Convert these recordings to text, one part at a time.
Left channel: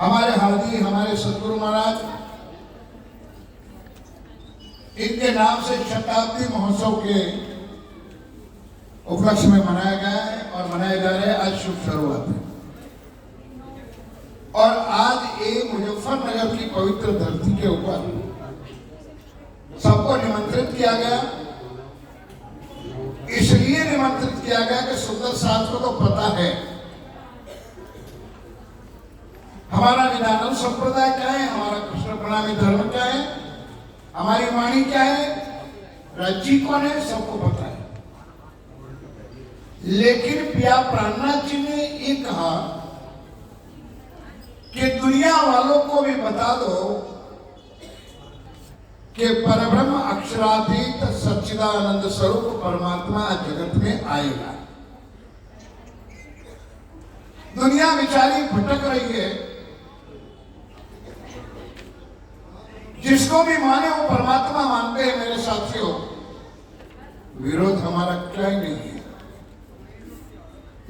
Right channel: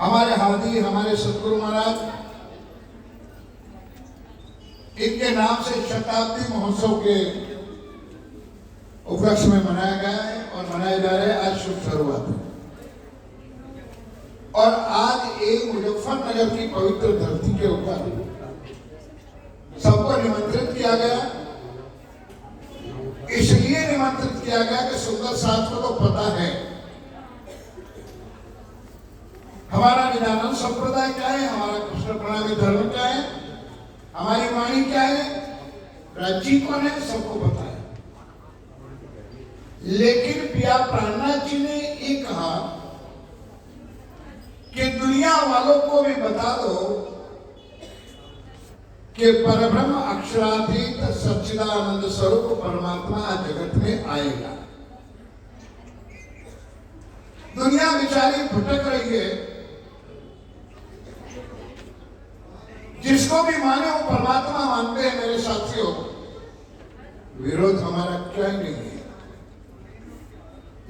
हमारे हाजी हमारे सतगुरु महाराज, इनके नाम से शताब्दी महोत्सव के उपलक्ष्य में मनाया गया है और मनाया जा रहा है। आज शुभ शुरुआत है और आज एक मुजफ्फरनगर की पवित्र धरती के ऊपर सबको निमंत्रित किया गया। इसलिए निमंत्रित किया गया कि सुंदर साथ को तो पता है हमारा विधान संप्रदाय क्या है, हमारा कृष्ण प्रणामी धर्म क्या है, हमारी वाणी क्या है, राज्य कौन है, सबको पता है। लेकिन पिया प्राणनाथ जी ने ये कहा कि दुनिया वालों को भी बता दो कि परब्रह्म अक्षरातीत सच्चिदानंद स्वरूप परमात्मा जगत में आएगा। दुनिया बेचारी भटक रही है, जिसको भी माने वो परमात्मा मानते हैं। मेरे साथियों, विरोध हमारा क्या ही नहीं है,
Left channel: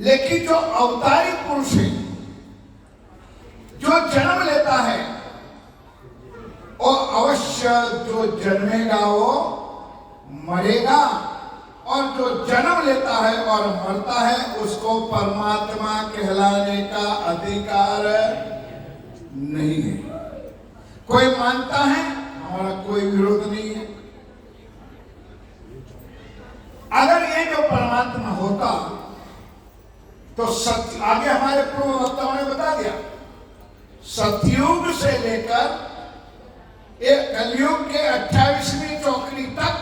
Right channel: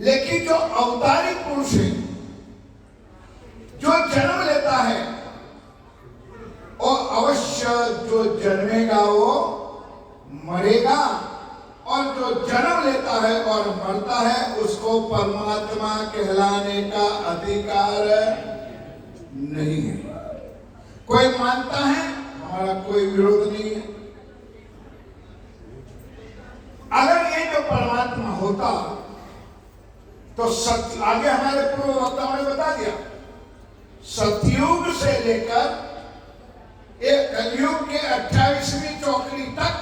लेकिन जो अवतारी पुरुष है, जो जन्म लेता है और अवश्य जो जन्मेगा वो मरेगा, और जो जन्म लेता है और मरता है उसको परमात्मा कहलाने का अधिकार नहीं है। कोई मानता है, हमारा कोई विरोध नहीं है। अगर ये जो परमात्मा होता तो सत्य, आगे हमारे पूर्व वक्ताओं ने बता दिया, सतयुग से लेकर एक कलयुग के 28वीं चौकड़ी तक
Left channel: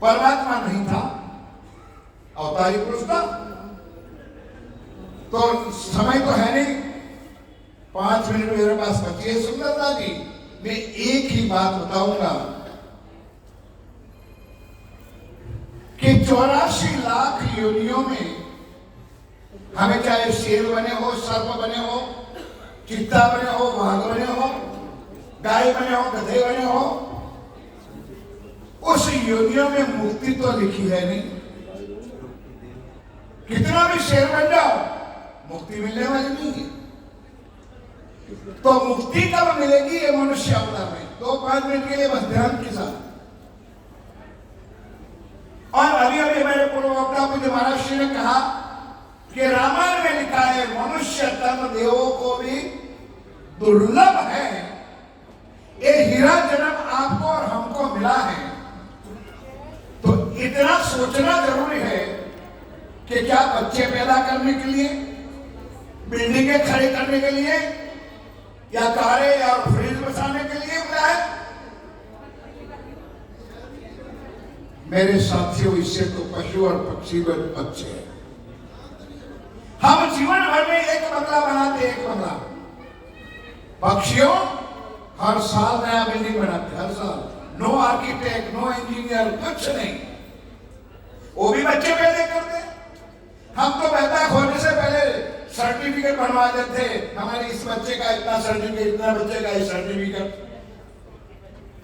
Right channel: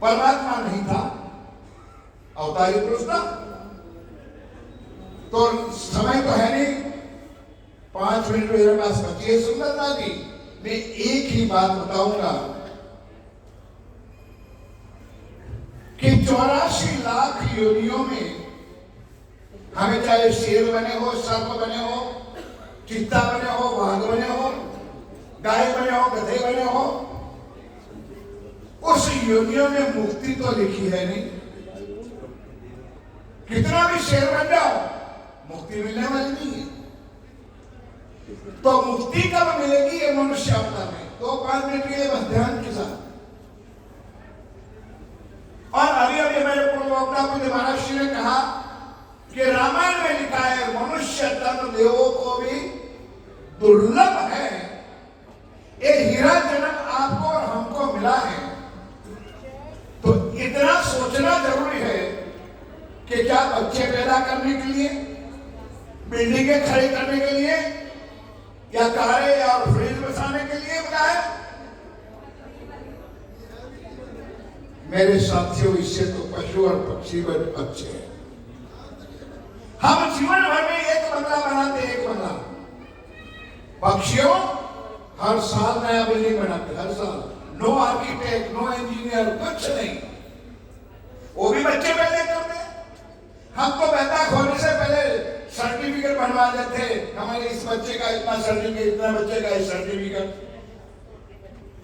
परमात्मा नहीं था, अवतारी पुरुष था। तो समय तो है नहीं, 5 मिनट मेरे पास बची है। सुंदरता जी, मैं एक ही बात बताऊंगा कि 84 लाख योनियों में हमें चाहे शेर बने हो, सर्प बने हो, चित्ता बने हो, बाघ बने हो, गाय बने हो, गधे बने हो, उस योनियों में मुक्ति तो लिखी है नहीं। कितना भी शेर बन जाओ, मुक्ति मिलने वाली नहीं है। तो मुक्ति कब मिलेगी, ये मनुष्य अवतार में। तो 5 मिनट के लिए बस ध्यान के साथ। और अभी अभी मेरे पूर्व वक्ता को महाराज जी ने कहा कि रामायण में लिखा है मनुष्य तन देवों को भी दुर्लभ है। ये हीरा जन्म आपको और हमको मिला है, तो इतना सोचना जरूरी है कि क्या बच्चे पैदा करने के लिए, बिल्डिंगें खड़ी करने के लिए, या कारें या फ्रिज बसाने के लिए मिला है। मेरे साथियों, इससे तो पशु और पक्षी भी अच्छे हैं। हम जीवन भर में एक बंगला बनाते, एक बंगला। पक्षियों हर साल नया बिल्डिंग बनाते, हर साल। नो आर्किटेक्ट, नो इंजीनियर, कुछ नहीं, वो भी बच्चे पैदा करते। हम तो पैदा होने से पहले सर्टिफिकेट बनवा देते, हमारे इस बच्चे का इतना सर्टिफिकेट, इतना बच्चे का इस सर्टिफिकेट।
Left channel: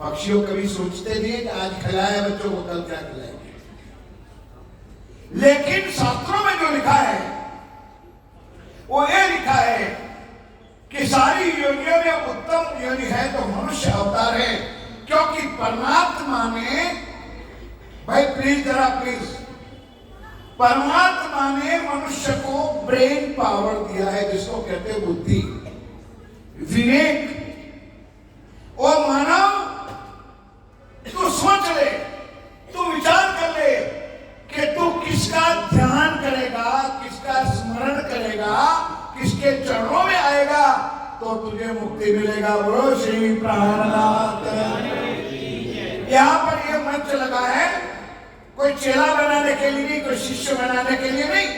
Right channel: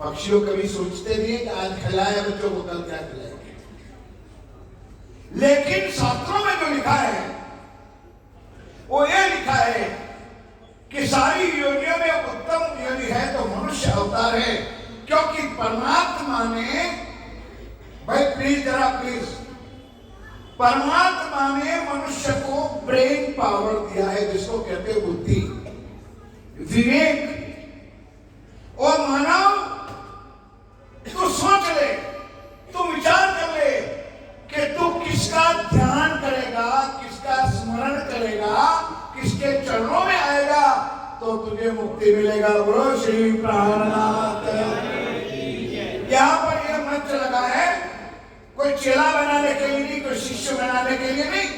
पक्षियों कभी सोचते नहीं कि आज खिलाया बच्चों को, कल क्या खिलाएंगे। लेकिन शास्त्रों में जो लिखा है वो ये लिखा है कि सारी योनियों में उत्तम योनि है तो मनुष्य अवतार है। क्योंकि परमात्मा ने, भाई प्लीज जरा प्लीज, परमात्मा ने मनुष्य को ब्रेन पावर दिया है, जिसको कहते हैं बुद्धि, विवेक। और मानव, तू सोच ले, तू विचार कर ले कि तू किसका ध्यान करेगा, किसका स्मरण करेगा, किसके चरणों में आएगा तो तुझे मुक्ति मिलेगा। बोलो श्री प्राणनाथ। यहाँ पर यह मंच लगा है कोई चेला बनाने के लिए नहीं, कोई शिष्य बनाने के लिए नहीं,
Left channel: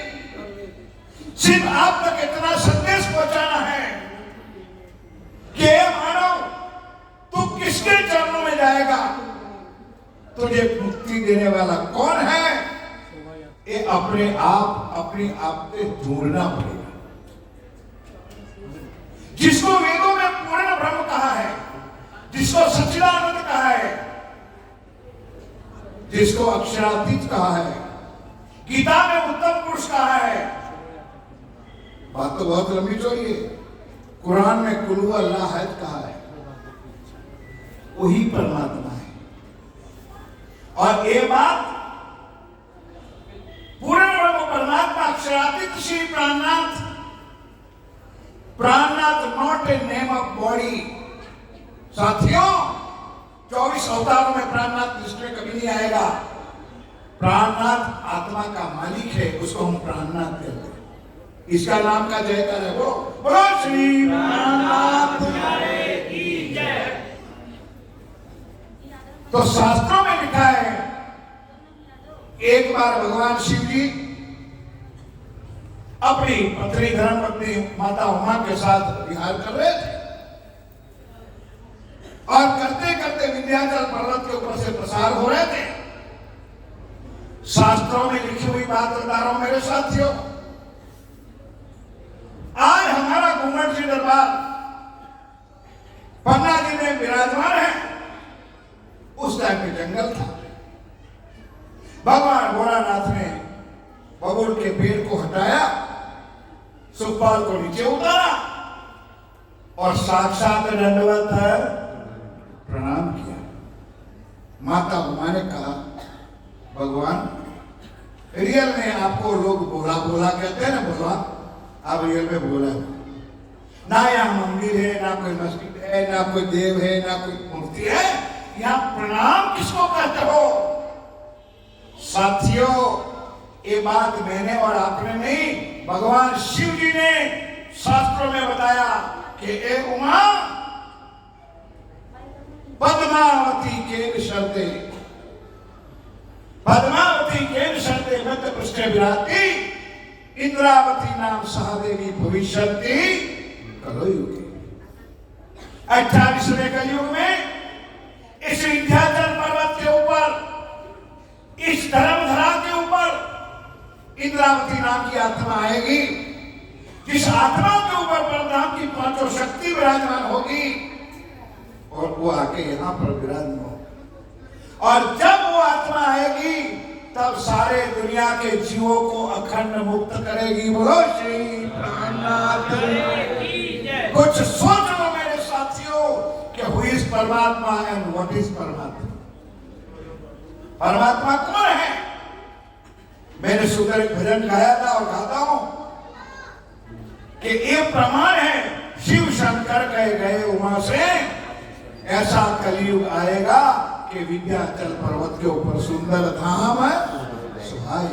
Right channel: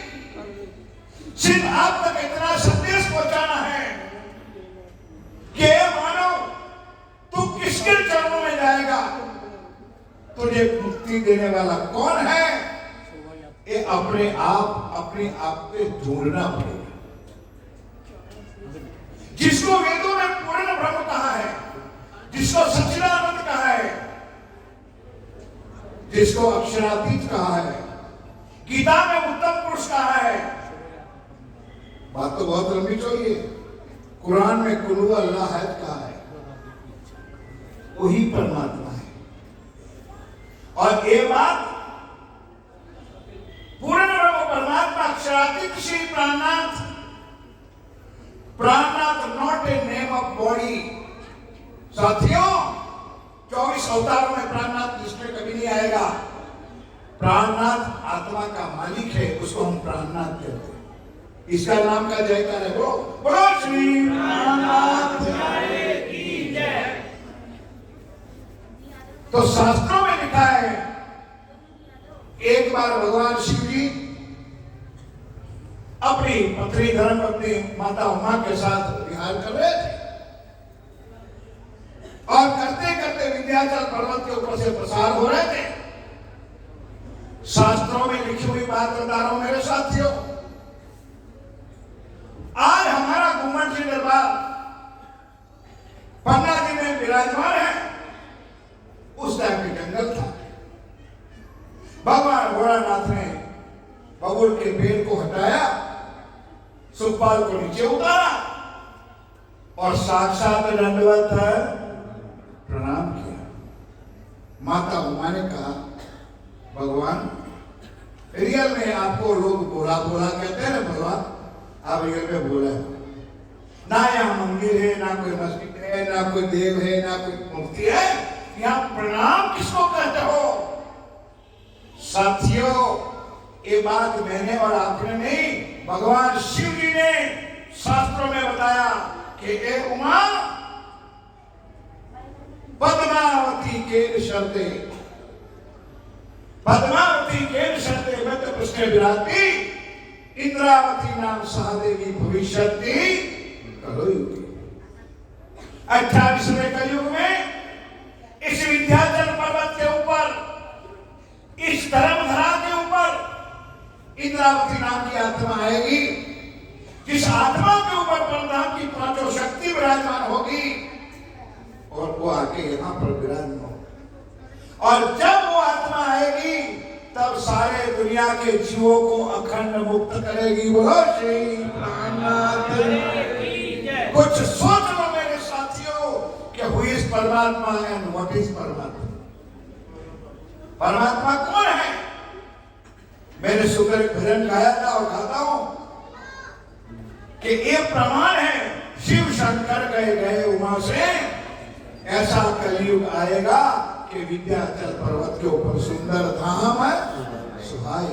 सिर्फ आप तक इतना संदेश पहुंचाना है कि मानव, तू किसके चरणों में जाएगा, तुझे मुक्ति देने वाला कौन है, ये अपने आप पे ढूंढना पड़ेगा। जिसको वेदों में पूर्ण ब्रह्म कहा है, जिसको सच्चिदानंद कहा है, जिसको अक्षरातीत कहा है, गीता में उत्तम पुरुष कहा है, बात तो बहुत लंबी चौड़ी है। कुरान में कुल्हू अल्लाह है कहा है, वही परमात्मा है। और ये बात पूर्ण ब्रह्म परमात्मा अक्षरातीत Shri Prannath, Prannath not a name of body. साथियों, 24 अवतारों में प्राणनाथ लिस्ट में कभी नहीं आएगा। प्राणनाथ आत्मा का मालिक है, उसको हम प्राणनाथ कहते हैं। इसका नाम का जयकार है, बोलो श्री प्राणनाथ की जय। तो शास्त्रों में लिखा है, एक बार भगवान शिव जी अपनी पत्नी धर्मपत्नी माता उमा के साथ विहार कर रहे थे और करते करते विंध्याचल पर्वत के ऊपर से प्रसार हो रहे थे। शास्त्रों में लिखी हुई बात बता रहा हूं मेरे साथियों। आज हमारा घूमट जी दरबार पन्ना जी में विराजमान है, उस टाइम में जंगल था। भगवान भोलानाथ ने बबुल के पेड़ को हटाया, सुखपाल को नीचे उतारा और साक्षात दंडवत प्रणाम किया। माता उमा ने कहा, भगवान रियल में आपको लोग बोला बोला कहते हैं ना, भगवान आप रियल में बोला ना, यहाँ मंदिर है ना कोई मस्जिद है ना कोई देव है ना कोई मूर्ति है, यहाँ प्रणाम किसको कहते हो? साथियों, ये बात मैंने और आपने नहीं, भगवान शिव जी ने शास्त्रों में बताया कि ए उमा पद्मावती के शब्दे, पद्मावती के शब्दे मध्य पृष्ठे विराटी, इंद्रावती नाम सहदेवी भविष्यति कलो युगे। 28वें कलयुग में इस विंध्याचल पर्वत के ऊपर, इस धर्मधरा के ऊपर इंद्रावती नाम की आत्मा आएगी, जिस आत्मा के ऊपर परमात्मा की पांचों शक्ति विराजमान होगी और वो आके यहाँ पर विराजमान होगी। और जब वो आत्मा आएगी तब सारे दुनिया के जीवों को अखंड मुक्त करेगी। बोलो श्री प्राणनाथ की जय। कुछ सोच लो मेरे साथियों कि हु इज परमात्मा एंड व्हाट इज परमात्मा। परमात्मा कौन है? मैंने सुबह एक भजन गाया था और गाता हूं कि एक प्रमाण है, शिव शंकर गए गए उमा से, ऐसा कलयुग आएगा कि विंध्याचल पर्वत के ऊपर सुंदर धाम है सुहाए।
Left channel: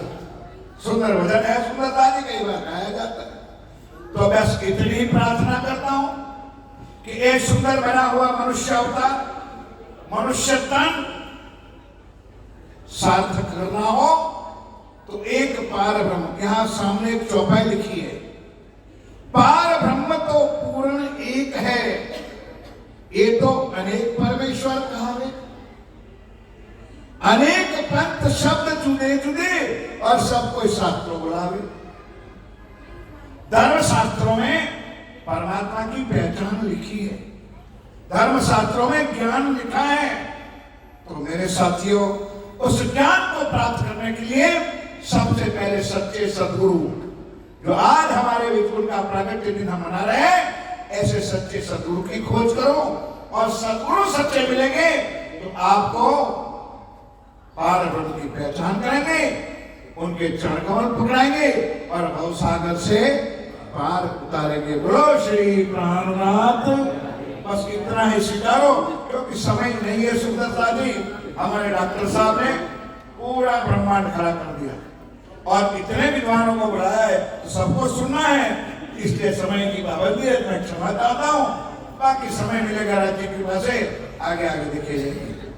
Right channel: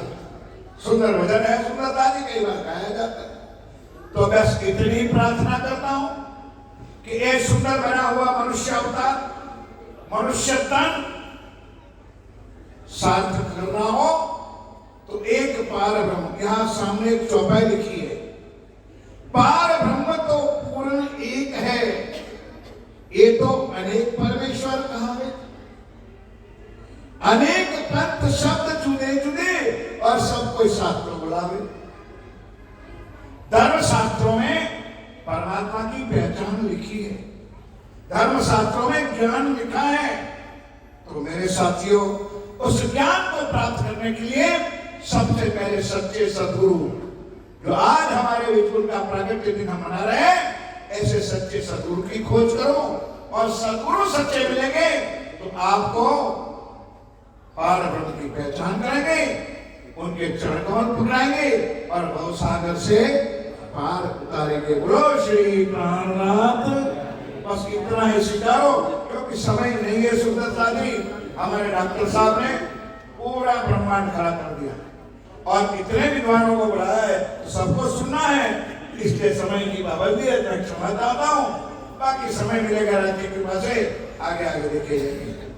सुंदर भजन है, सुंदरता नहीं कई बार गाया जाता है। तो बस इतनी प्रार्थना करता हूं कि एक सुंदर बना हुआ मनुष्य अवतार, मनुष्य तन सार्थक करना हो तो एक पार ब्रह्म, यहां सामने एक चौपाई लिखी है, पार ब्रह्म तो पूर्ण एक है, ये तो अनेक परमेश्वर कहावे, अनेक पंथ शब्द जुदे जुदे और सब कोई शास्त्रों बुलावे। धर्म शास्त्रों में परमात्मा की पहचान लिखी है, धर्म शास्त्रों में ज्ञान लिखा है। तो मेरे साथियों, उस ज्ञान को प्राप्त करने के लिए सबसे पहले सच्चे सद्गुरु, जो आज हमारे विपुल का प्रागट्य दिन हम मना रहे हैं, ऐसे सच्चे सद्गुरु की खोज करो और सद्गुरु सच्चे मिलेंगे तो आपको पार ब्रह्म की पहचान करेंगे, उनके चरण कमल पकड़ाएंगे और भवसागर से पार उतारेंगे। बोलो श्री प्राणनाथ। बस इतना ही स्वीकारो, क्योंकि समय नहीं है। सुंदरता जी, हमारे डॉक्टर साहब ने पूरा ब्रह्मांड खड़ा कर दिया और इतने विद्वानों को बुलाया है तो सबको सुनना है, इसलिए समय की पाबंदी है। मैं क्षमा चाहता हूँ, बाकी समय मिलेगा राज्य की कृपा से, आगे आगे देखे जाएंगे।